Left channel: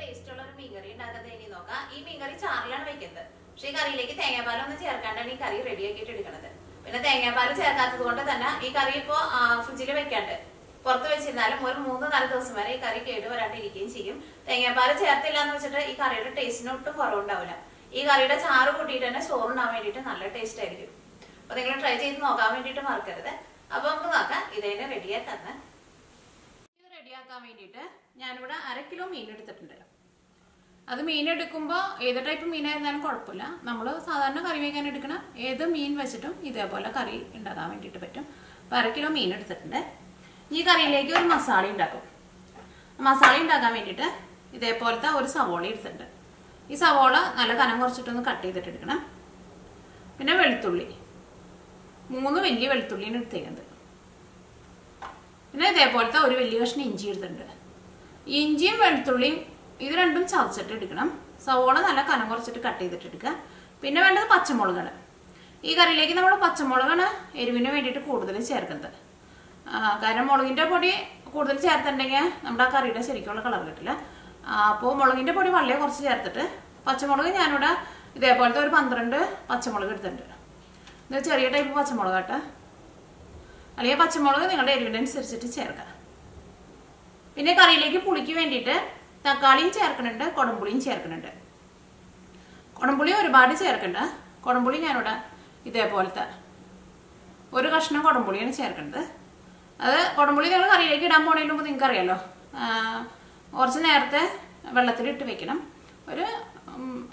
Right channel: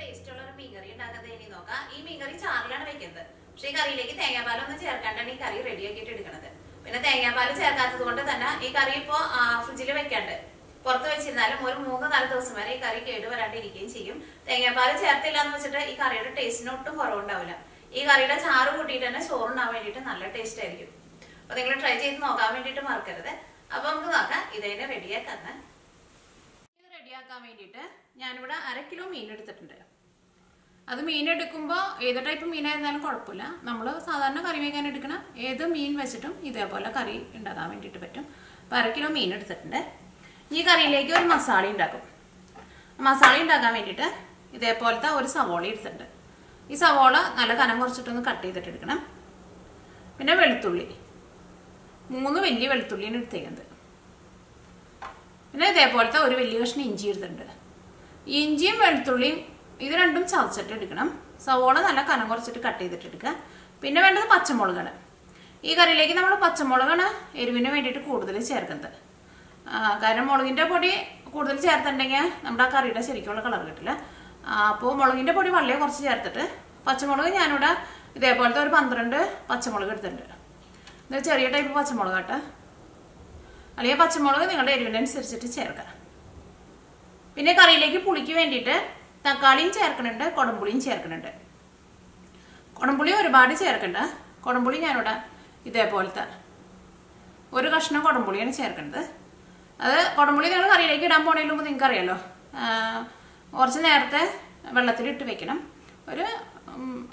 ടേസ്റ്റുള്ള ഒരു മീൻകറി ഉണ്ടാക്കുന്നത് ഇനി നോക്കാം. ഈ മീൻകറി ചാറിലാണ് വെക്കുന്നത്. പക്ഷെ ഈ കറിയിലേക്ക് തേങ്ങാപ്പാലൊന്നും ചേർക്കാണ്ടാണ് ഈ കറി റെഡിയാക്കിയിട്ട് എടുക്കുന്നത്. പിന്നെ തേങ്ങാപ്പാൽ ചേർക്കാത്തത് കൊണ്ട് തന്നെ ഈ കറി ഇപ്പോ ഫ്രിഡ്ജിൽ വെക്കാണ്ട് പുറത്ത് വെച്ചിരുന്നാലും ഒരു 3-4 ദിവസം വരെ ഈ കറി കേട് വരാണ്ടിരിക്കുകയും ചെയ്യും. തേങ്ങാപ്പാൽ ചേർത്തില്ല എന്ന് വെച്ചിട്ട് ഈ കറിയുടെ ടേസ്റ്റിന് ഒട്ടും കുറവുണ്ടാവില്ല. ഈ കറിയുടെ ചാറ് കൂട്ടിയിട്ട് തന്നെ ചോറുണ്ടാൻ വേണ്ടിയിട്ട് നല്ല ടേസ്റ്റ് ആയിരിക്കും. അപ്പൊ നിങ്ങൾ ട്രൈ ചെയ്ത് നോക്കാൻ വേണ്ടിയിട്ട് മറക്കരുത്. അപ്പൊ നമുക്ക് നോക്കാം ഇതേനെ റെഡിയാക്കാന്ന്. ഇത് റെഡിയാക്കാൻ വേണ്ടിയിട്ട് ഞാനിവിടെ 1/2 കിലോ മീൻ എടുത്തിട്ടുണ്ട്. അത് മീൻ എടുക്കുമ്പോൾ ഏത് ടൈപ്പ് മീനായിരുന്നാലും കുഴപ്പമില്ല. നമ്മൾ സാധാരണ കറി വയ്ക്കാൻ എടുക്കണ ഏത് മീൻ വെച്ചിട്ടും ഇതേപോലെ കറി ഉണ്ടാക്കാൻ വേണ്ടിയിട്ട് പറ്റും. അപ്പോൾ 1/2 കിലോ മീൻ എടുത്തിട്ടുണ്ട്. ഈ കറിയിലേക്ക് ഒരു മസാല ഉണ്ടാക്കും. മസാല ഉണ്ടാക്കാൻ വേണ്ടിയിട്ട് ഇതേപോലത്തെ ഒരു സവോള എടുത്തിട്ടുണ്ട്. ഈ സവോള നല്ല കനം കുറച്ചിട്ടൊന്ന് കട്ട് ചെയ്തിട്ട് എടുക്കണം. പിന്നെ വെളുത്തുള്ളി 3 വലിയ വെളുത്തുള്ളിയാണ് എടുത്തേക്കുന്നത്. പിന്നെ ഇതേപോലത്തെ ഒരു വലിയ കഷ്ണം ഇഞ്ചി എടുത്തിട്ടുണ്ട്. ഇഞ്ചിയും വെളുത്തുള്ളിയും ഇത് രണ്ടും ചതച്ചിട്ട് എടുക്കണം. സവോള നല്ല കനം കുറച്ചിട്ട് കട്ട് ചെയ്തിട്ട് എടുക്കുക. പിന്നെ വേണ്ടത് പച്ചമുളകാണ്. ഈ കറിയിലേക്ക് നമ്മൾ പച്ചമുളകാണ് എരിവിന് വേണ്ടിയിട്ട് കൂടുതൽ ചേർക്കുന്നത്. കാരണം മുളകിൻ്റെ പൊടി കൂടുതൽ ചേർത്തിട്ടുണ്ടെങ്കിൽ നമ്മുടെ ആ കറിയുടെ ശരിക്കുള്ള കളർ കിട്ടില്ല. അപ്പോൾ മുളകിൻ്റെ പൊടി വളരെ കുറച്ച് ചേർത്തിട്ട് പച്ചമുളക് ഞാനിവിടെ ഇതേപോലത്തെ ഒരു 12 പച്ചമുളക് എടുത്തിട്ടുണ്ട്. ഇത് ചെറിയ ടൈപ്പ് പച്ചമുളക് കേട്ടോ. അല്ലെങ്കിൽ പച്ചമുളക് നിങ്ങളുടെ എരിവിനനുസരിച്ചിട്ട് ചേർക്കുക. പിന്നെ കറിയിലേക്ക് പുളിക്ക് വേണ്ടിയിട്ട് തക്കാളിയും ചേർക്കുന്നുണ്ട്, കുടംപുളിയും ചേർക്കുന്നുണ്ട്. കുടംപുളി ഒരുപാട് ചേർക്കണ്ട. കുടംപുളി ഞാനിവിടെ ഇതേപോലത്തെ ഒരു കഷ്ണം കുടംപുളിയാണ് ചേർക്കുന്നത്. അത് കുടംപുളി നിങ്ങൾ കറിയിലേക്ക് ഇടാൻ പോണതിന് മുമ്പ് നിങ്ങൾക്ക് അറിയാലോ, കുറച്ച് നേരത്തെ വെള്ളത്തിലിട്ട് വെക്കണം. ഒരു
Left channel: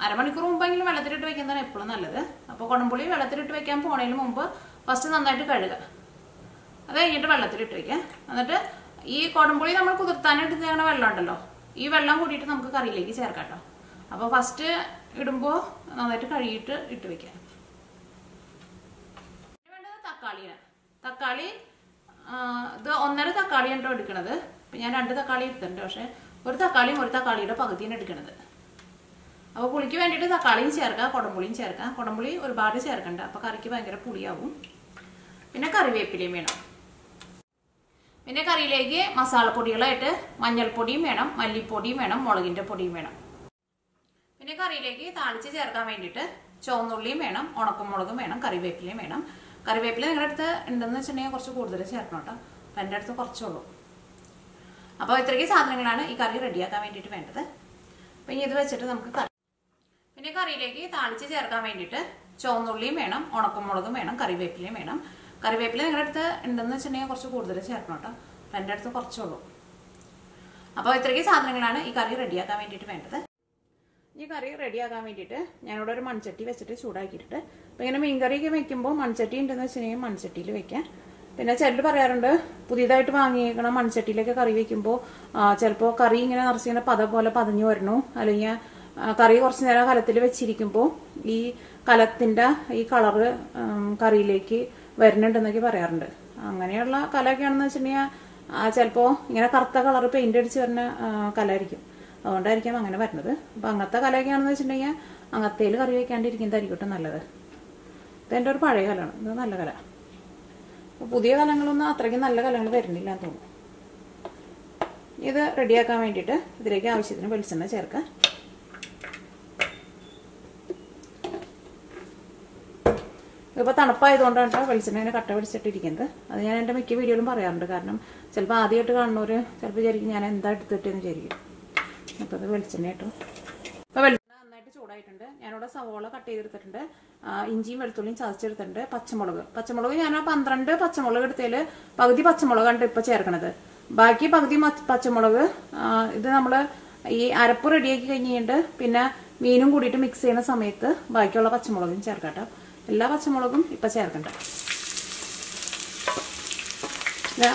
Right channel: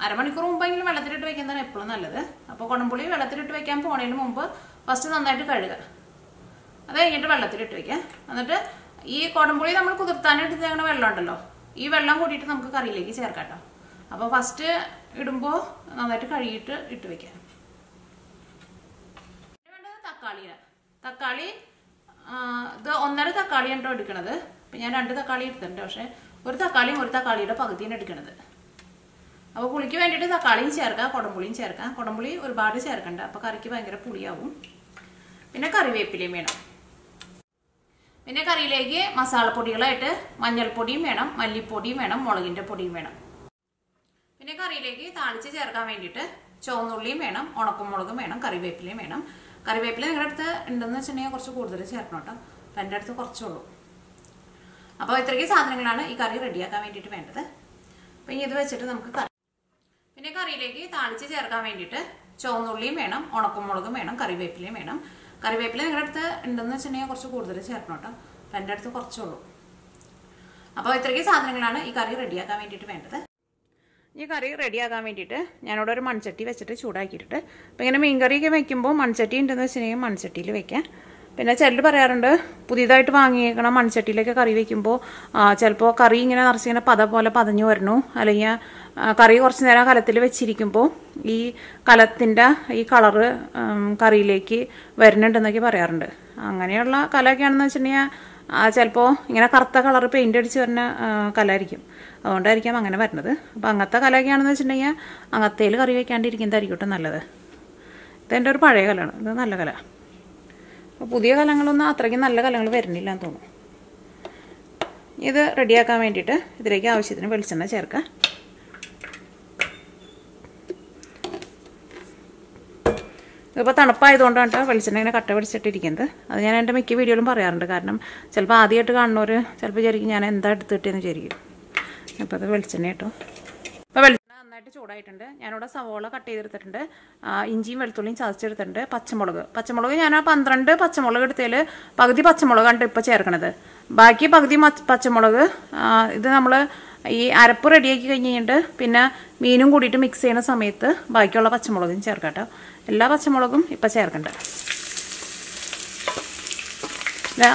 അരമണിക്കൂർ മുമ്പെങ്കിലും വെള്ളത്തിലിട്ട് വെക്കുന്നതാണ് എപ്പോഴും നല്ലത്. അപ്പോൾ കുടംപുളി വെള്ളത്തിലിട്ട് വെക്കാൻ പോണതിന് മുമ്പ് ഫസ്റ്റ് നന്നായിട്ട് കഴുകുക. അത് കഴിഞ്ഞിട്ട് വെള്ളത്തിലിട്ട് വെക്കുക. എന്നിട്ട് ഈ കുടംപുളി നമ്മൾ കുതിർത്താനായിട്ട് തേങ്ങണ വെള്ളം ഉണ്ടല്ലോ, ഈ വെള്ളം കൂട്ടിയിട്ട് നമുക്ക് കറിയിലേക്ക് ചേർക്കാം കേട്ടോ. അപ്പോൾ ഫസ്റ്റ് ഇടുമ്പോൾ നന്നായിട്ട് കഴുകിയിട്ട് ഇട്ട് വെക്കുക. വേണ്ടത് തക്കാളിയാണ്. തക്കാളി ഇത് 1.5 തക്കാളിയാണ് കേട്ടോ എടുക്കണത്. ഇപ്പം ഞാൻ 2 തക്കാളി എടുത്തിട്ടുണ്ട്. പക്ഷേ ഒരു തക്കാളിയുടെ പകുതിയാണ് എടുക്കണത്. അപ്പോൾ പുളിക്ക് വേണ്ടിയിട്ട് തക്കാളിയും ചേർക്കുക, കുടംപുളിയും ചേർക്കുക. കുടംപുളി ഒരുപാട് ചേർക്കണ്ട, അപ്പോൾ കറിക്ക് ഭയങ്കര പുളിയാവും. പിന്നെ കറിവേപ്പിലയും വേണം. പിന്നെ കറിയിലേക്ക് മസാലപ്പൊടികളായിട്ട് മഞ്ഞൾപ്പൊടിയും വേണം, മല്ലിപ്പൊടിയും വേണം, മുളകിൻ്റെ പൊടിയും വേണം. പിന്നെ കറിയിലേക്ക് താളിച്ച് ചേർക്കാൻ വേണ്ടിയിട്ട് ചുവന്നുള്ളിയും വേണം, ഉണക്കമുളകും വേണം, കറിവേപ്പിലയും വേണം. കറിവേപ്പില നിങ്ങളുടെ അടുത്ത് ഉണ്ടെന്ന് വെച്ചിട്ടുണ്ടെങ്കിൽ കുറച്ച് കൂടുതൽ ചേർക്കണം കേട്ടോ. അപ്പം എൻ്റെ അടുത്ത് കുറച്ചുള്ളൂ. അപ്പോൾ ഇത്രയ്ക്ക് സാധനങ്ങളാണ് ഈ കറി റെഡിയാക്കാൻ വേണ്ടിയിട്ട് വേണ്ടത്. അപ്പം ഇനി ഇത് വെച്ചിട്ട് നമുക്ക് കറി. പിന്നെ കറിയിലേക്ക് താളിച്ച് ചേർക്കാൻ വേണ്ടിയിട്ട് ചുവന്നുള്ളിയും വേണം, ഉണക്കമുളകും വേണം, കറിവേപ്പിലയും വേണം. കറിവേപ്പില നിങ്ങളുടെ അടുത്ത് ഉണ്ടെന്ന് വെച്ചിട്ടുണ്ടെങ്കിൽ കുറച്ച് കൂടുതൽ ചേർക്കണം കേട്ടോ. അപ്പം എൻ്റെ അടുത്ത് കുറച്ചുള്ളൂ. അപ്പോൾ ഇത്രയ്ക്ക് സാധനങ്ങളാണ് ഈ കറി റെഡിയാക്കാൻ വേണ്ടിയിട്ട് വേണ്ടത്. ഈ കറി റെഡിയാക്കാൻ വേണ്ടിയിട്ട് ഞാനിവിടെ ഒരു മൺചട്ടി വെച്ചിട്ട് ചൂടാക്കിയിട്ടുണ്ട്. അപ്പോൾ ഇങ്ങനെ മീൻകറിയൊക്കെ വെക്കുമ്പോൾ മൺചട്ടി ഉണ്ടെന്ന് വെച്ചിട്ടുണ്ടെങ്കിൽ മൺചട്ടിയിൽ വെക്കാം. പിന്നെ ചിലർ പറയാറുണ്ട് പുതിയതായിട്ട് വാങ്ങിയേക്കണം മൺചട്ടിയിലൊക്കെ കറി വെക്കുമ്പോൾ ചിലപ്പോൾ കറി ഇങ്ങനെ നിറച്ചിങ്ങനെ പോലെ പതഞ്ഞു വരണു, അല്ലെങ്കിൽ കറി കുറച്ച് നേരം കലത്തിൽ വെച്ചിരിക്കുമ്പോൾ ഈ കലത്തിൻ്റെ ഈ കളറ് കറിയിലേക്ക് വരുന്നുണ്ടെന്നൊക്കെ പറയാറുണ്ട്. അങ്ങനെയുള്ള കലയൊക്കെയാണെന്ന് വെച്ചിട്ടുണ്ടെങ്കിൽ ചിലപ്പോൾ ഇങ്ങനെ കറുത്ത കളറ് പെയിൻ്റ് അടിച്ച് വരുന്ന കലായിരിക്കും. അതുകൊണ്ടായിരിക്കാം അങ്ങനെ വരുന്നത്. അപ്പോൾ അങ്ങനത്തെ കലയൊക്കെയാണെന്ന് വെച്ചിട്ടുണ്ടെങ്കിൽ അങ്ങനത്തേൽ കറി വയ്ക്കാണ്ടിരിക്കുന്നതായിരിക്കും നല്ലത്. ഇതെൻ്റെ ഒരു പഴയ കലമാണ്, ഇത് നല്ല കല. അപ്പോൾ പുതിയ കലങ്ങളൊന്നും അത്രയ്ക്ക് നല്ല കലങ്ങൾ വരുന്നില്ല എന്ന് തോന്നുന്നു. ഇത് റെഡിയാക്കാൻ വേണ്ടിയിട്ട് ഇതിലേക്ക് ആവശ്യത്തിന് വെളിച്ചെണ്ണ ചേർക്കാം. ഇതിപ്പോൾ തണുപ്പായതുകൊണ്ടാണ് കേട്ടോ വെളിച്ചെണ്ണ ഇങ്ങനെ കട്ട പിടിച്ചിട്ടിരിക്കുന്നത്. അത് ഞാൻ എൻ്റെ മിക്ക വീഡിയോയിലും പറയാറുണ്ട്. കാരണം ചിലപ്പോൾ ആദ്യമായിട്ട് കാണുന്നവർ ചിലപ്പോൾ വിചാരിക്കും ഞാൻ എന്താ എടുത്തിട്ടെന്ന് വിചാരിക്കും. അപ്പോൾ അത് വെളിച്ചെണ്ണ കേട്ടോ. അപ്പോൾ വെളിച്ചെണ്ണ നന്നായിട്ട് ചൂടായിട്ടുണ്ട്. ഞാനിവിടെ സവോള കട്ട് ചെയ്തെടുത്തിട്ടുണ്ട്, ഇഞ്ചിയും വെളുത്തുള്ളിയും ചതച്ചെടുത്തിട്ടുണ്ട്. പച്ചമുളക് ഞാൻ 12 പച്ചമുളക് എടുത്തതിൽ പകുതി പച്ചമുളകാണ് ഇപ്പോൾ ചേർക്കണത്. ബാക്കി പകുതി പച്ചമുളക് ഇത് നമ്മൾ ഈ അരപ്പ് റെഡിയാക്കി കഴിഞ്ഞ് കഴിഞ്ഞിട്ട് പിന്നെ മീനും കൂടിയിട്ട് മിക്സ് ചെയ്യുന്ന സമയത്ത് ബാക്കിയുള്ള പച്ചമുളകും ചേർക്കാം കേട്ടോ. എല്ലാ പച്ചമുളകും ഇപ്പം ചേർക്കണ്ട.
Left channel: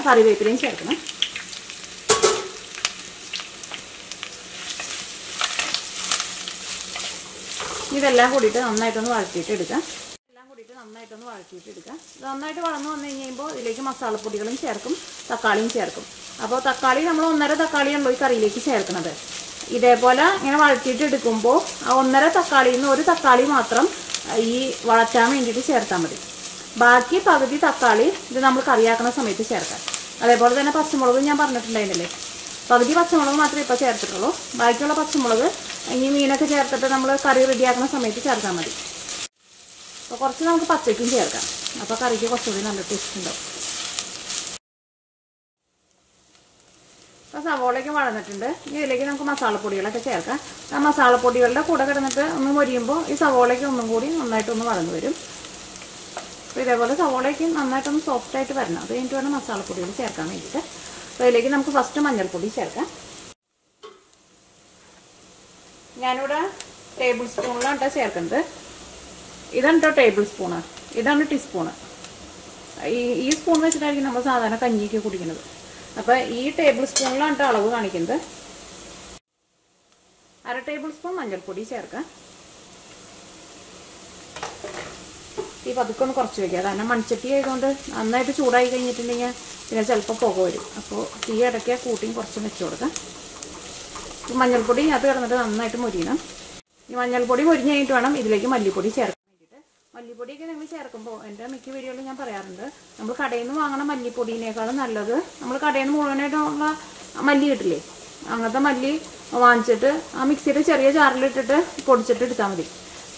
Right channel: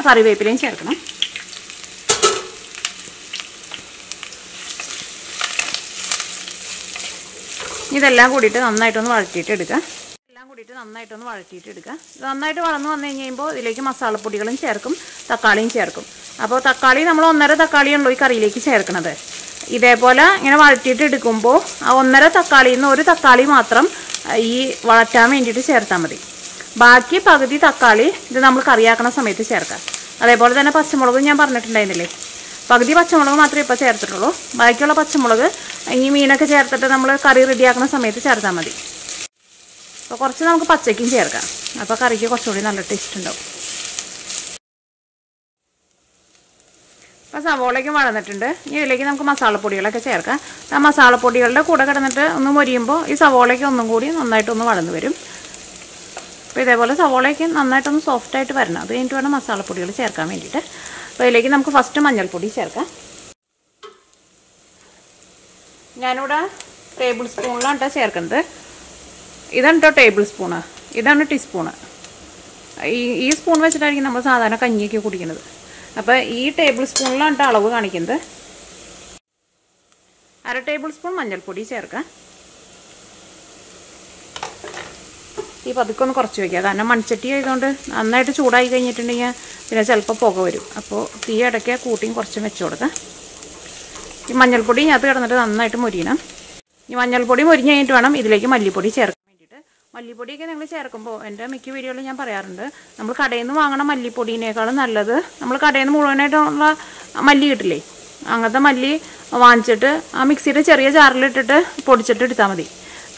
കറിവേപ്പിലയും ചേർക്കണം. ഇതെല്ലാം കൂടിയിട്ട് നന്നായിട്ടൊന്ന് വഴറ്റിയിട്ട് എടുക്കുക. ഇത് നന്നായിട്ട് വളർന്നു വന്നു കഴിയുമ്പോൾ ഇതിലേക്ക് മസാലപ്പൊടികളും ചേർക്കും, തക്കാളിയും ചേർക്കും. അപ്പോൾ തക്കാളി നമ്മൾ 1.5 തക്കാളിയാണല്ലോ ഈ കറിയിലേക്ക് ചേർക്കുന്നത്. ഇതേപോലെ ഇങ്ങനെ വഴറ്റിയിട്ട് എടുക്കുമ്പോൾ ആ 1.5 തക്കാളിയിൽ നിന്ന് 1 തക്കാളി മാത്രം ഈ വഴറ്റാൻ വേണ്ടിയിട്ട് ചേർത്താൽ മതി. ബാക്കി പകുതി തക്കാളി ഇത് നമ്മൾ കറിയാക്കുന്ന സമയത്ത് ചേർക്കാം. അതേപോലെ തന്നെ പച്ചമുളകും ഞാൻ പറഞ്ഞിട്ടുണ്ടായിരുന്നില്ലേ, പകുതി പച്ചമുളക് മാത്രമേ ഇപ്പോൾ ചേർത്തിട്ടുള്ളൂ. ബാക്കിയുള്ള പച്ചമുളക് ഇനി മീനൊക്കെ ചേർത്തിട്ട് നമ്മൾ കറി റെഡിയാക്കുന്ന സമയത്ത് ചേർത്താൽ മതി. അപ്പോൾ കുറച്ച് നമുക്ക് പച്ചയ്ക്കും ചേർക്കാം. അപ്പോൾ കറിക്ക് കുറച്ചുകൂടി നല്ല ടേസ്റ്റ് ഉണ്ടാവും. അപ്പോൾ സവോളയ്ക്കും വളർന്നിട്ടുണ്ട്. ഇനി ഇതിലേക്ക് നമുക്ക് മസാലപ്പൊടികളൊക്കെ ചേർക്കാം. ആ മസാലപ്പൊടികളുടെ കൂടെ കിടന്നിട്ട് ഒന്ന് മൊരിയുമ്പോൾ ഈ സവോളയ്ക്ക് ഒന്നും കൂടി നന്നായിട്ടൊന്ന് വളർന്നു വരും. അപ്പോൾ ഇതേപോലെ സവോളയ്ക്ക് നന്നായിട്ടൊന്ന് സോഫ്റ്റായിട്ട് വരണം. അത് കഴിഞ്ഞിട്ട് വേണം മസാലപ്പൊടികൾ ചേർക്കാൻ വേണ്ടിയിട്ട്. അപ്പോൾ ഇതിലേക്ക് നമുക്ക് ഫസ്റ്റ് മഞ്ഞൾപ്പൊടി ചേർക്കാം. ഞാനിവിടെ ടേബിൾ സ്പൂണിലാണ് കേട്ടോ ചേർക്കുന്നത്. ഇതാണ് കേട്ടോ ടേബിൾ സ്പൂണ്, ഇതാണ് ടീസ്പൂണ്. ഈ സ്പൂൺ വെച്ചിട്ടായിരിക്കും നമ്മൾ സാധാരണ കഞ്ഞിയൊക്കെ കുടിക്കുന്നത്. അപ്പോൾ ഈ ടേബിൾ സ്പൂണിലാണ് കേട്ടോ അളവ് കാണിക്കുന്നത്. 1/2 ടേബിൾ സ്പൂൺ മഞ്ഞൾപ്പൊടി ചേർക്കാം. ഈ പതുക്കെ ഒന്ന് കുറച്ച് വയ്ക്കുക. കാരണം മൺചട്ടി ആയതുകൊണ്ട് നന്നായിട്ട് ചൂടായി കഴിഞ്ഞിട്ടുണ്ടെങ്കിൽ പിന്നെ ചിലപ്പോൾ പുക വരും. അപ്പോൾ തീ ഇടയ്ക്ക് കൂട്ടിയും കുറച്ചും വെച്ച് കൊടുക്കാം. ഈ മഞ്ഞൾപ്പൊടി ഇതിനകത്ത് കിടന്നിട്ട് നന്നായിട്ട് മൊരിയണം. ഈ മഞ്ഞൾപ്പൊടി മൊരിഞ്ഞ് കഴിഞ്ഞിട്ട് വേണം ഇതിലേക്ക് മല്ലിപ്പൊടി ചേർക്കാൻ വേണ്ടിയിട്ട്. മല്ലിപ്പൊടിയൊക്കെ നിങ്ങൾ ചേർക്കുമ്പോൾ എൻ്റെ മിക്ക വീഡിയോയിലും ഞാൻ പറയാറുണ്ട്, നമ്മൾ കടയിൽ നിന്ന് വാങ്ങണ മല്ലിപ്പൊടിയേക്കാളും നല്ലത് നമ്മൾ കടയിൽ നിന്ന് മുഴുവനായിട്ടുള്ള മല്ലി കിട്ടില്ലേ, അങ്ങനത്തെ മല്ലി വാങ്ങിച്ചിട്ട് ആ മിക്സിയുടെ ചെറിയ ജാറിലിട്ടിട്ട് പൊടിച്ചിട്ട് എടുത്താൽ മതി.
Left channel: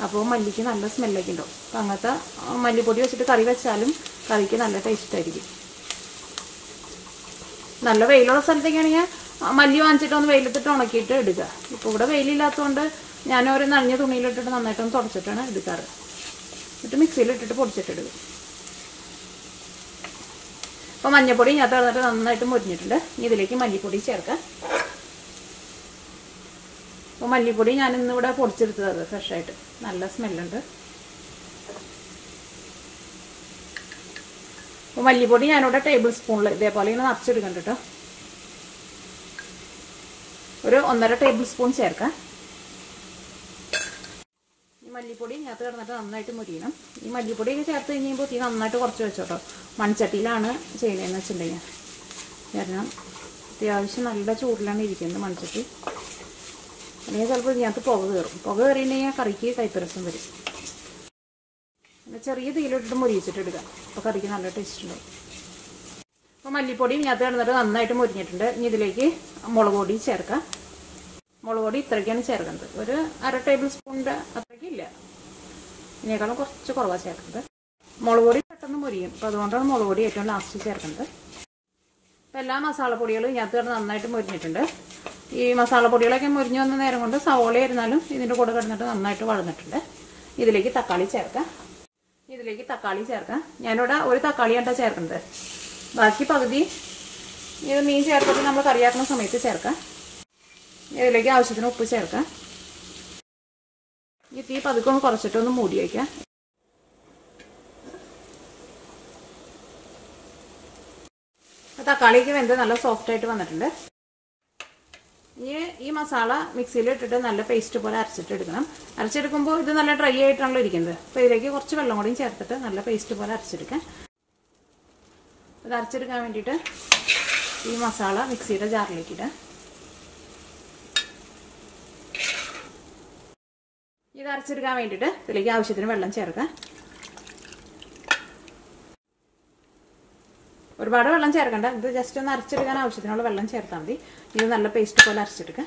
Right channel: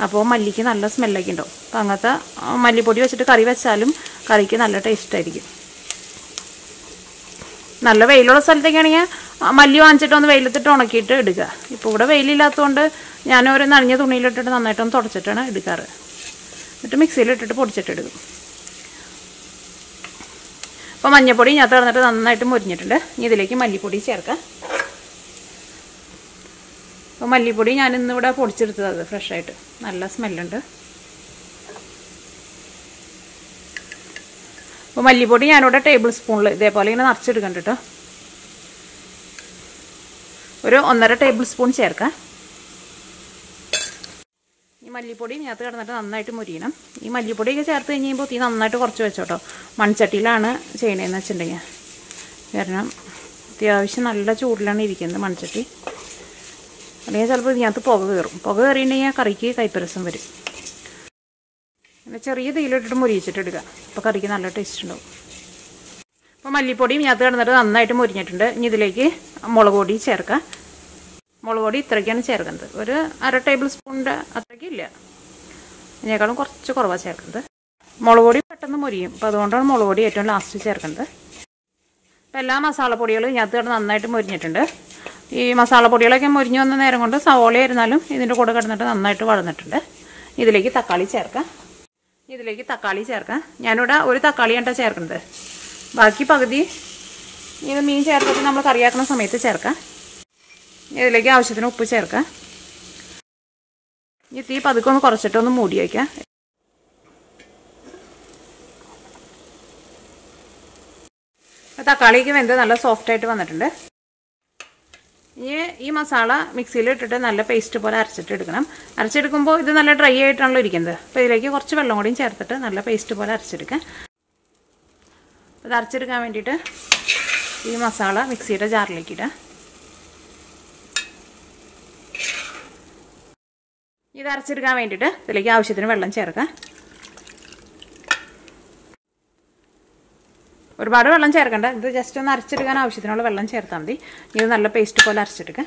അപ്പോൾ മല്ലിക്ക് നല്ല സ്മെല്ലൊക്കെ ഉണ്ടാവും. അപ്പോൾ അങ്ങനത്തെ മല്ലിപ്പൊടി വെച്ചിട്ട് കറി വെച്ചാലും കറിക്ക് നല്ല ടേസ്റ്റ് ആയിരിക്കും. നല്ല വെയിലുള്ള സ്ഥലത്തേക്കാണെങ്കിൽ മല്ലി വാങ്ങിച്ചിട്ട് ഒന്ന് വെയിലത്തിട്ട് ഉണക്കിയിട്ട് എടുക്കുക. ഇപ്പോൾ ഇവിടെ വെയിലില്ലാത്തതുകൊണ്ട് ഞാനൊരു നനഞ്ഞ തുണിയിലിട്ടിട്ട് നന്നായിട്ടൊന്ന് തുടച്ചിട്ടാണ് എടുക്കാറ്. എന്നിട്ട് മിക്സിയിലിട്ടിട്ട് പൊടിച്ചിട്ടെടുക്കും. അപ്പോൾ മഞ്ഞൾപ്പൊടി ഇതിനകത്ത് കിടന്നിട്ട് നന്നായിട്ട് മുരിഞ്ഞിട്ടുണ്ട്. ഇനി ഇതിലേക്ക് മല്ലിപ്പൊടി ചേർക്കാം. അപ്പോൾ മല്ലിപ്പൊടി ഞാൻ ഇന്നിവിടെ പൊടിച്ചെടുത്തത് ഫ്രഷായിട്ട്, നല്ല സ്മെല്ലുണ്ട്. അപ്പോൾ മല്ലിപ്പൊടി ഞാനിവിടെ ടേബിൾ സ്പൂണിൽ ഇതേപോലെ ഇങ്ങനെ നിറച്ചെടുക്കണ്ട കേട്ടോ. ഒരു 1.5 ടേബിൾ സ്പൂൺ ചേർക്കാം. ഈ മല്ലിപ്പൊടി ഇതിനകത്ത് കിടന്നിട്ട് നന്നായിട്ട് മുരിയണം. ഈ മല്ലിപ്പൊടിയൊക്കെ ചേർത്ത് കഴിയുമ്പോൾ തീ നന്നായിട്ട് കുറച്ച് വെച്ചോട്ടോ. മൺചട്ടിയിലാണ് ചെയ്യണതെന്ന് വെച്ചിട്ടുണ്ടെങ്കിൽ, കാരണം അത്യാവശ്യം നല്ല ചൂടിലാണ് ഇരിക്കുന്നത് മൺചട്ടി. അല്ലെങ്കിൽ ചിലപ്പോൾ ഇതിനകത്ത് പുക കയറും. പുക കയറിയിട്ടുണ്ടെങ്കിൽ കറിക്ക് കയ്പ്പരസം വരും. പിന്നെ ചെറിയ തീയിലിട്ടിട്ട് മുരിയിച്ചിട്ടെടുക്കുക. അപ്പോൾ കറിക്ക് നല്ല ടേസ്റ്റ് ഉണ്ടാവും. അപ്പോൾ മല്ലിപ്പൊടി ഇതിനകത്ത് കിടന്നിട്ട് നന്നായിട്ട് മുരിഞ്ഞിട്ടുണ്ട്. ഇനി ഇതിലേക്ക് മുളക് പൊടി ചേർക്കാം. മുളക് പൊടി ഇത്രയ്ക്കാണ് ചേർക്കുന്നത്. ഒരു 1/2 ടേബിൾ സ്പൂണിൻ്റെ അത്രയ്ക്കില്ല, ഇതിനേക്കാളും കുറച്ച് കുറവാണ് ചേർക്കുന്നത്. മുളക് പൊടി പെട്ടെന്ന് മുരിയും. അപ്പോൾ അതുകൊണ്ടാണ് മുളക് പൊടി ഏറ്റവും ലാസ്റ്റ് ചേർക്കുന്നത്. അപ്പോൾ എല്ലാ മസാലപ്പൊടികളും ഇതിനകത്ത് കിടന്ന് നന്നായിട്ട് മുരിഞ്ഞിട്ടുണ്ട്. ഈ മസാലപ്പൊടികളൊക്കെ മുരിഞ്ഞ് വന്ന നേരം കൊണ്ട് സവോള ആയിരുന്നാലും ഇതിൻ്റെ കൂടെ കിടന്നിട്ട് നന്നായിട്ട് വളർന്നിട്ടുണ്ട്. ഇതിലേക്ക് തക്കാളി ചേർക്കാം. ഞാനിവിടെ ഒരു തക്കാളിയാണ് ചേർക്കുന്നത്. ബാക്കി പകുതി ഇത് മീൻ ചേർത്തിട്ട് നമ്മൾ കറിയാക്കുന്ന സമയത്ത് ചേർക്കാം. ഇതിലേക്ക് ആവശ്യത്തിന് ഉപ്പ് ചേർക്കാം. ഈ തീ പതുക്കെ ഒന്ന് കുറച്ചിട്ടൊന്ന് മൂടി വയ്ക്കാം. തക്കാളിക്ക് വെന്ത് നല്ല സോഫ്റ്റായിട്ട് വന്നിട്ടുണ്ട്. ഇനി ഈ മസാല മിക്സിയിൽ ഇട്ടിട്ട് നല്ല പേസ്റ്റ് പോലെ അരച്ചിട്ടെടുക്കണം. അരച്ചെടുക്കുമ്പോൾ ഇത് നല്ല ഡ്രൈ ആയിട്ടാണല്ലോ ഇരിക്കുന്നത്. അപ്പോൾ ഇതിലേക്ക് കുറച്ച് വെള്ളം കൂടിയും ചേർത്തിട്ട് നല്ല പേസ്റ്റ് പോലെ അരച്ചെടുക്കാം. ഇത് അരച്ചെടുക്കാൻ വേണ്ടിയിട്ട് ഈ മസാല മിക്സിയുടെ ജാറിലേക്ക് ഇടാം. ഇത് അരച്ചെടുക്കാൻ വേണ്ടിയിട്ട് ഇതിലേക്ക് ആവശ്യത്തിന് വെള്ളം ചേർക്കാം. ഒരുപാട് വെള്ളം ചേർക്കണ്ട, ഇത് ജസ്റ്റ് ഒന്ന് അരച്ചെടുക്കാൻ ആവശ്യത്തിനുള്ള വെള്ളം ചേർത്താൽ മതി. ഇത് നല്ല പേസ്റ്റ് പോലെ അരച്ചെടുക്കാം.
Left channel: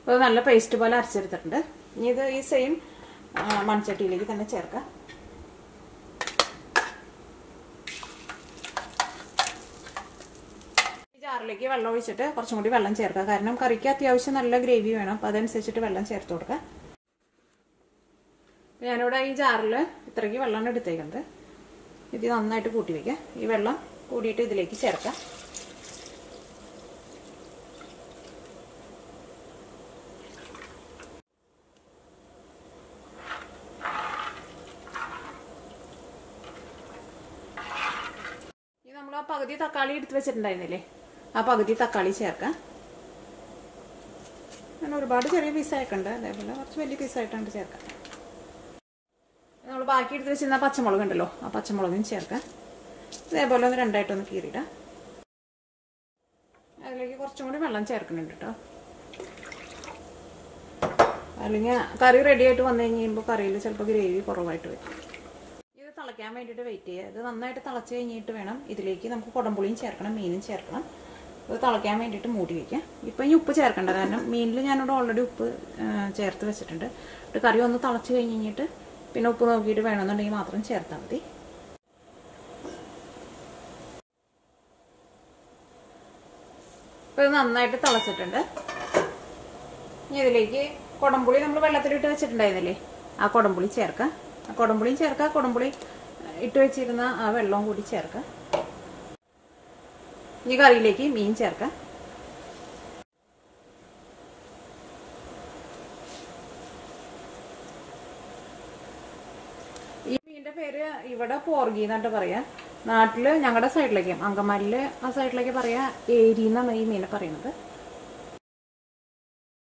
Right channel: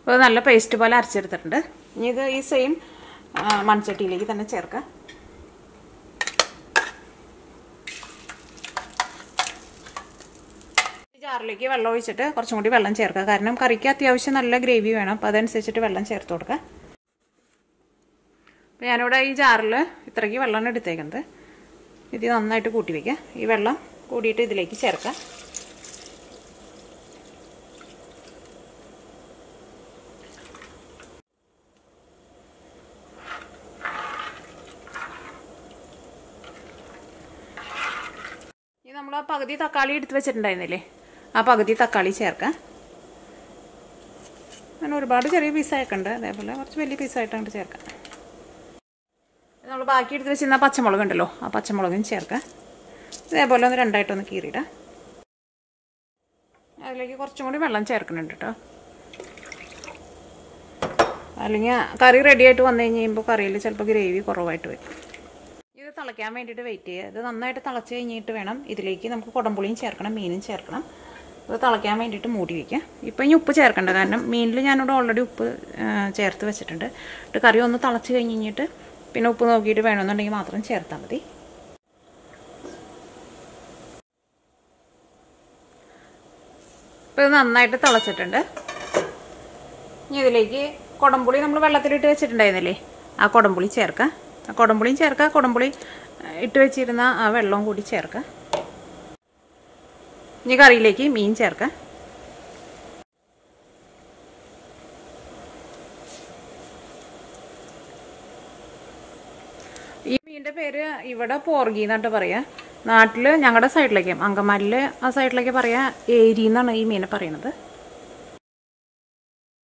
അപ്പോൾ നല്ല പേസ്റ്റ് പോലെ അരച്ചെടുത്തിട്ടുണ്ട്. ഇനി ഇത് ഈ സെയിം മൺചട്ടിയിലേക്ക് തന്നെ ചേർക്കാം. ജാറിലേക്ക് വെള്ളം ഒഴിച്ചിട്ട് കുറച്ചും കൂടി വെള്ളം ചേർക്കുക. കാരണം കറിക്ക് അത്യാവശ്യം നല്ല ഗ്രേവി വേണം. അപ്പോൾ അതനുസരിച്ചിട്ട് വെള്ളം ചേർത്ത് കൊടുക്കുക. അപ്പോൾ ഞാനിവിടെ ഈ ജാറിൽ ഇത്രയ്ക്ക് വെള്ളമാണ് എടുത്തേക്കുന്നത്. ഇത് നന്നായിട്ട് കൂട്ടി വയ്ക്കുക. ഈ വെള്ളം കൂടിയിട്ട് ഇതിലേക്ക് ചേർക്കാം. ഇനി നമ്മൾ ആ പകുതി തക്കാളി എടുത്ത് വെച്ചിട്ടുണ്ടായിരുന്നില്ലേ, ആ പകുതി തക്കാളി ചേർക്കാം. അങ്ങനെ ഒരുപാട് ചെറിയ പീസായിട്ടുണ്ട്, അതേപോലെ കുറച്ച് വലിയ പീസായിട്ടാണ് ചേർക്കാം. നമ്മൾ ബാക്കി എടുത്ത് വെച്ചിരുന്ന പച്ചമുളക് ഉണ്ടല്ലോ, ആ പച്ചമുളകും ചേർക്കാം. ഇതേപോലെ ഒന്ന് രണ്ടായിട്ടൊന്ന് കീറിയിടാം. അതിലേക്ക് കുറച്ചും കൂടി വെള്ളം ചേർക്കുന്നുണ്ട് കേട്ടോ. അല്ലെങ്കിൽ കറി റെഡി ആയിട്ട് വന്നു കഴിയുമ്പോൾ കറിയിൽ ചിലപ്പോൾ ഗ്രേവി കുറവായിട്ട് വരും. ഇത് തിളയ്ക്കാൻ വേണ്ടിയിട്ട് വെയിറ്റ് ചെയ്യുക. ഇത് നന്നായിട്ട് തിളച്ച് കഴിഞ്ഞിട്ട് വേണം ഇതിലേക്ക് നമുക്ക് കുടംപുളിയും ചേർക്കണം, മീനും ചേർക്കണം. ഇത് തിളയ്ക്കാൻ വേണ്ടിയിട്ട് മൂടി വയ്ക്കുക. ഇപ്പം ഇനി ഉപ്പ് ചേർക്കേണ്ട, കാരണം മീനിൽ ഞാനിവിടെ ഓൾറെഡി ഉപ്പ് ചേർത്ത് വെച്ചിട്ടുണ്ട്. എന്നിട്ട് കറി ഒന്ന് തിളച്ച് കഴിഞ്ഞിട്ട് പിന്നെ ഉപ്പ് നോക്കിയിട്ട് വേണമെന്നുണ്ടെങ്കിൽ മാത്രം ചേർത്താൽ മതി. ഇപ്പോൾ ഇത് നന്നായിട്ട് തിളച്ചിട്ടുണ്ട്. ഇനി ഇതിലേക്ക് കുടംപുളി നമ്മൾ വെള്ളത്തിലിട്ട് വെച്ചിട്ടുണ്ടായിരുന്നില്ലേ, ആ കുടംപുളി ചേർക്കുക. ആ കുടംപുളിയും ചേർക്കുക, കുടംപുളി ഇട്ട് വെച്ചിരുന്ന ആ വെള്ളവും കൂടി ചേർക്കുക. ഇനി കറിയിലേക്ക് മീൻ ചേർക്കുക. ഈ മീനിൻ്റെ പേര് ഇവിടെ പോർഗി എന്നാട്ട് പറയാ. നാട്ടിൽ ഞങ്ങളുടെ സൈഡിലേക്ക്, അങ്കമാലിൽ ആ സൈഡിലേക്ക് പറയാ ഏരി എന്നാണ് ഈ മീനെ പറയുന്നത്.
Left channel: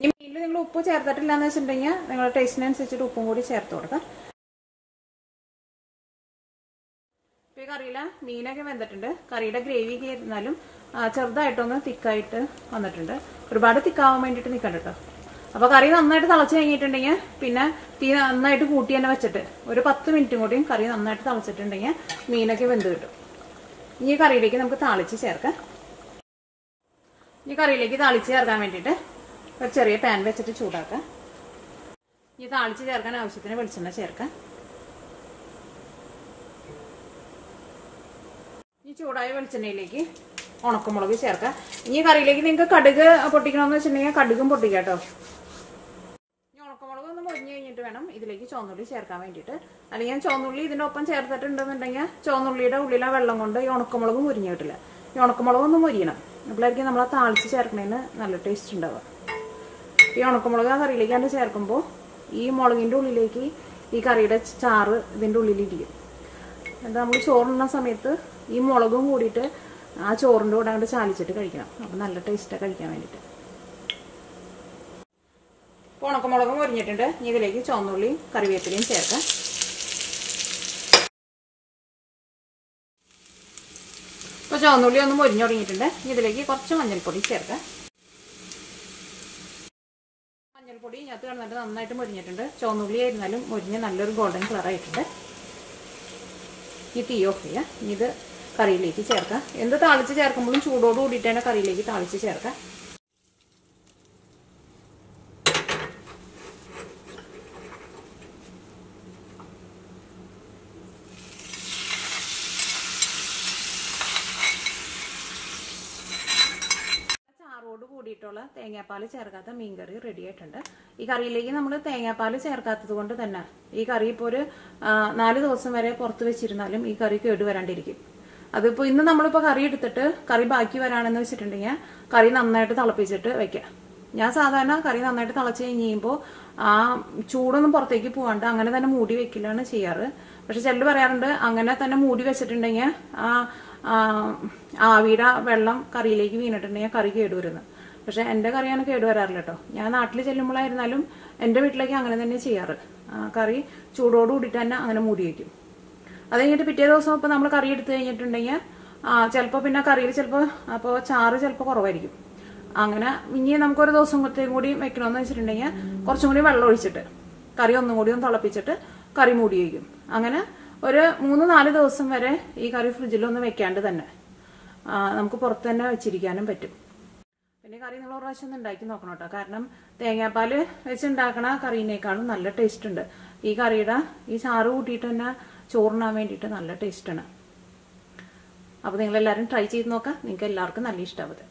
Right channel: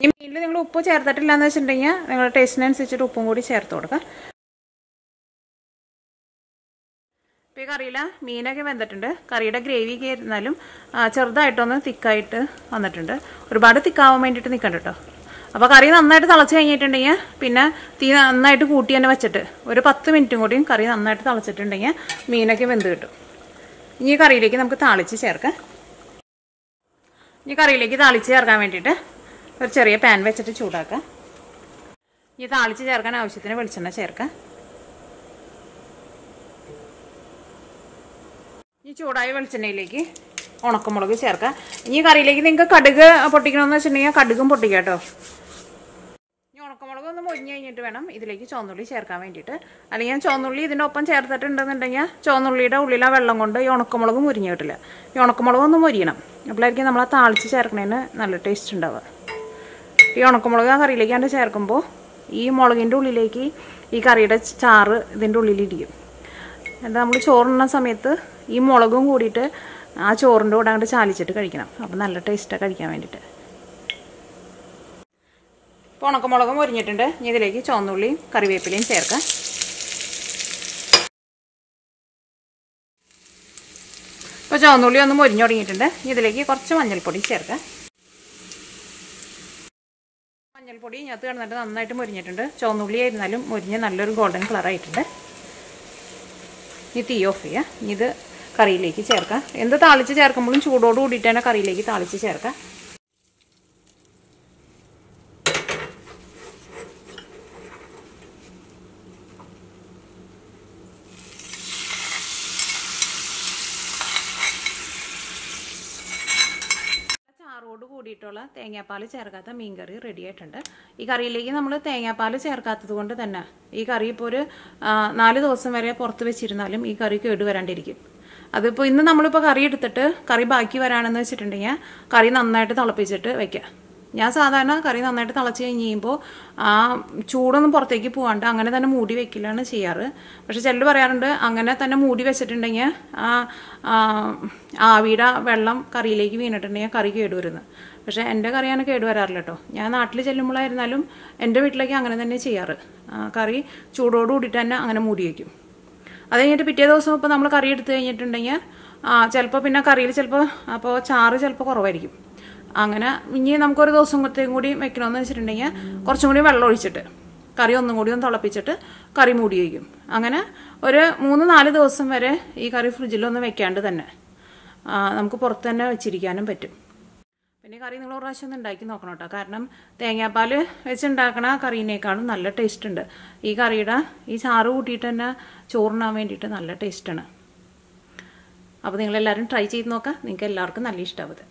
ഈ മീനിൽ നിങ്ങൾ ഉപ്പ് ചേർത്തിട്ടില്ല എന്ന് വെച്ചിട്ടുണ്ടെങ്കിൽ നിങ്ങളുടെ ടേസ്റ്റിനനുസരിച്ചിട്ട് ഉപ്പും കൂടി ചേർത്ത് കൊടുക്കുക. ഇപ്പോൾ ഈ കറിയില മീനൊക്കെ വെന്തിട്ടുണ്ട്. കറിയുടെ ഗ്രേവി ഒക്കെ ഇരുന്നാലും ചെറുതായിട്ടൊന്ന് തിക്കായിട്ട് വന്നിട്ടുണ്ട്. ഒരുപാട് തിക്കാവാൻ വേണ്ടിയിട്ട് നിൽക്കണ്ട കേട്ടോ. അപ്പോൾ കറി നന്നായിട്ട് തിളച്ച് കഴിഞ്ഞിട്ടുണ്ടെങ്കിൽ പിന്നെ തീ നന്നായിട്ട് കൂട്ടി തന്നെ വെച്ചിട്ട് ഒരു 10 മിനിറ്റും കൂടിയും കറി നന്നായിട്ട് തിളച്ചിട്ടുണ്ടെങ്കിൽ മീനൊക്കെ വെന്ത് കിട്ടും. ഇനി കറിയിലേക്ക് നമുക്ക് താളിച്ച് ചേർക്കാം. ഇനി കറിയിലേക്ക് താളിച്ച് ചേർക്കാൻ വേണ്ടിയിട്ട് ഒരു ചെറിയ പാൻ വെച്ചിട്ട് ചൂടാക്കാം. ഇനി താളിച്ച് ചേർക്കാൻ ആവശ്യത്തിന് വെളിച്ചെണ്ണ ചേർക്കാം. ഈ ചൂടായ വെളിച്ചെണ്ണയിലേക്ക് ഉണക്കമുളക് ചേർക്കാം. ഇനി കറിയിലേക്ക് നിങ്ങൾക്ക് കടുക് പൊട്ടിക്കണമെന്ന് വെച്ചിട്ടുണ്ടെങ്കിൽ കടുകും പൊട്ടിക്കാം കേട്ടോ. ഇനി ഉണക്കമുളക് ഒന്ന് മൊരിഞ്ഞ് കഴിഞ്ഞിട്ട് വേണം ഇതിലേക്ക് ചുവന്നുള്ളി ചേർക്കാൻ വേണ്ടിയിട്ട്. അല്ലെങ്കിൽ ചുവന്നുള്ളി ഇതിൻ്റെ ഒപ്പം ചേർത്തിട്ടുണ്ടെന്നുണ്ടെങ്കിൽ ചുവന്നുള്ളിയുടെ ഉള്ളിലെ വെള്ളം കൊണ്ട് ഈ ഉണക്കമുളക് മുരിഞ്ഞ് കിട്ടില്ല. ഈ ഉണക്കമുളക് ഒന്ന് മൊരിയണം. അപ്പോഴായിരിക്കും നമ്മൾ ആ താളിച്ച് ചേർക്കുന്നതിന് നല്ല ടേസ്റ്റ് ഉണ്ടാവുക. ഈ ഉണക്കമുളക് ആ കറിയിലേക്കാണ്ട് ചേർക്കുമ്പോൾ ഈ മുളകിൻ്റെ ഉള്ളിലേക്ക് ഈ കറിയുടെ ചാറ് ഇതിൻ്റെ ഉള്ളിലിരിക്കും. എന്താ നമ്മൾ ചോറുണ്ണ സമയത്ത് ഈ മുളകും കൂടിയിട്ട് ആ ചോറിൻ്റെ കൂടെ അങ്ങോട്ട് ചാലിച്ചിട്ട് കഴിക്കണം. അപ്പം നല്ല ടേസ്റ്റാണ് കഴിക്കാൻ വേണ്ടിയിട്ട്. ഇപ്പോൾ ഉണക്കമുളകും മൊരിഞ്ഞിട്ടുണ്ട്. ഇനി ഇതിലേക്ക് ചുവന്നുള്ളിയും കറിവേപ്പിലയും ചേർക്കാം. ഇപ്പോൾ ചുവന്നുള്ളി ഒന്ന് മൊരിഞ്ഞു തുടങ്ങിയിട്ടുണ്ട്. ഇനി ഇതിലേക്ക് കുറച്ച് മഞ്ഞൾപ്പൊടി ചേർക്കാം. മഞ്ഞൾപ്പൊടി ഇതിനകത്ത് കിടന്നിട്ട് നന്നായിട്ട് മൊരിഞ്ഞിട്ടുണ്ട്. ചുവന്നുള്ളി ആയിരുന്നാലും മൊരിഞ്ഞ് നല്ലൊരു ഗോൾഡൻ കളറായിട്ടുണ്ട്. ഇനി തീ ഓഫ് ചെയ്യുക. ഇനി ഇത് കറിയിലേക്ക് ചേർക്കാം. എന്ത് താളിച്ച് ചേർക്കുമ്പോഴും ചൂടോട് കൂടിയിട്ട് തന്നെ കറിയിലേക്ക് താളിച്ച് ചേർക്കാം. ചാറോട് കൂടിയിട്ടുള്ള തേങ്ങാപ്പാൽ ചേർക്കാത്ത മീൻകറി റെഡി ആയിട്ടുണ്ട്. ഈ കറിയിലേക്ക് നമ്മൾ തേങ്ങാപ്പാൽ ചേർക്കാത്തത് കൊണ്ട് തന്നെ ഈ കറി ഇപ്പോൾ ഒരു 4 ദിവസം വരെ പുറത്ത് വെച്ചിരുന്നാലും ഈ കറി കേടുവരാണ്ടിരിക്കും. അതിപ്പോൾ ഇന്ന് നമ്മളിപ്പോൾ കറി എടുത്തിട്ട് കറി ബാക്കി വരാണെന്ന് വെച്ചിട്ടുണ്ടെങ്കിൽ കറി നന്നായിട്ട് തിളപ്പിച്ചിട്ട് വെക്കുക. ഞാൻ സാധാരണ കറി നന്നായിട്ട് തിളച്ച് കഴിഞ്ഞ് കഴിയുമ്പോൾ ആ ചൂടൊന്നും പുറത്തേക്ക് പോകാണ്ട് അങ്ങനെ തന്നെ മൂടി വെക്കലാണ് ചെയ്യാറ്. പക്ഷെ ചിലർ പറയാറുണ്ട് അങ്ങനെ തന്നെ മൂടി വെച്ചിട്ടുണ്ടെങ്കിൽ ആവിയുടെ വെള്ളം കറിയിലേക്ക് വീണിട്ടുണ്ടെങ്കിൽ കറി കേടുവരുന്നത്. പക്ഷെ എൻ്റെ കറിയാണ് കേടുവരാറില്ല കേട്ടോ. ഞാൻ നാട്ടിൽ ചെല്ലുമ്പോഴായിരുന്നാലും എൻ്റെ വീട്ടിലേക്ക് അങ്ങനെ തന്നെ ചെയ്യാറ്. കറി ചൂടോട് കൂടിയിട്ട് തന്നെ അങ്ങനെ മൂടി വയ്ക്കും. അത് കഴിഞ്ഞിട്ട് പിറ്റേ ദിവസം ഇപ്പോൾ നമ്മൾ കറി എടുത്തു കഴിഞ്ഞിട്ടുണ്ടെങ്കിൽ ചിലപ്പോൾ പിന്നെ കറിയിൽ ചിലപ്പോൾ അപ്പോൾ ചാറ് ചിലപ്പോൾ കുറവായിരിക്കും. അങ്ങനെ ഇനി നമുക്കൊരു ദിവസത്തേക്കും കൂടി വെക്കണമെന്ന് വെച്ചിട്ടുണ്ടെങ്കിൽ കുറച്ചും കൂടി വെള്ളം ഒഴിച്ചിട്ട് കറി ഒന്നും കൂടി ഒന്ന് തിളപ്പിച്ചിട്ട് കറി മൂടി വയ്ക്കും. അങ്ങനെ ഒരു 3-4 ദിവസം വരെ ഈ കറി ഫ്രിഡ്ജിലൊന്നും വെക്കാണ്ട് തന്നെ നമുക്ക് പുറത്ത് തന്നെ വെച്ചിരിക്കാനും പറ്റും. പിന്നെ കറി നിങ്ങൾ ഒരു പ്രാവശ്യം ഒന്ന് ഉണ്ടാക്കി നോക്കണം കേട്ടോ. കാരണം തേങ്ങാപ്പാൽ വെച്ചുണ്ടാക്കണ കറീനേക്കാളും നല്ല ടേസ്റ്റ് ഉണ്ട്. ഈ കറിയുടെ ഈ ചാറ് കൂട്ടിയിട്ട് തന്നെ ചോറിനാൻ വേണ്ടിയിട്ട് നല്ല ടേസ്റ്റാണ്. അപ്പോൾ നിങ്ങളെല്ലാവരും ട്രൈ ചെയ്ത് നോക്കാം. നിങ്ങൾക്ക് എല്ലാവർക്കും നല്ല ഇഷ്ടമാവും.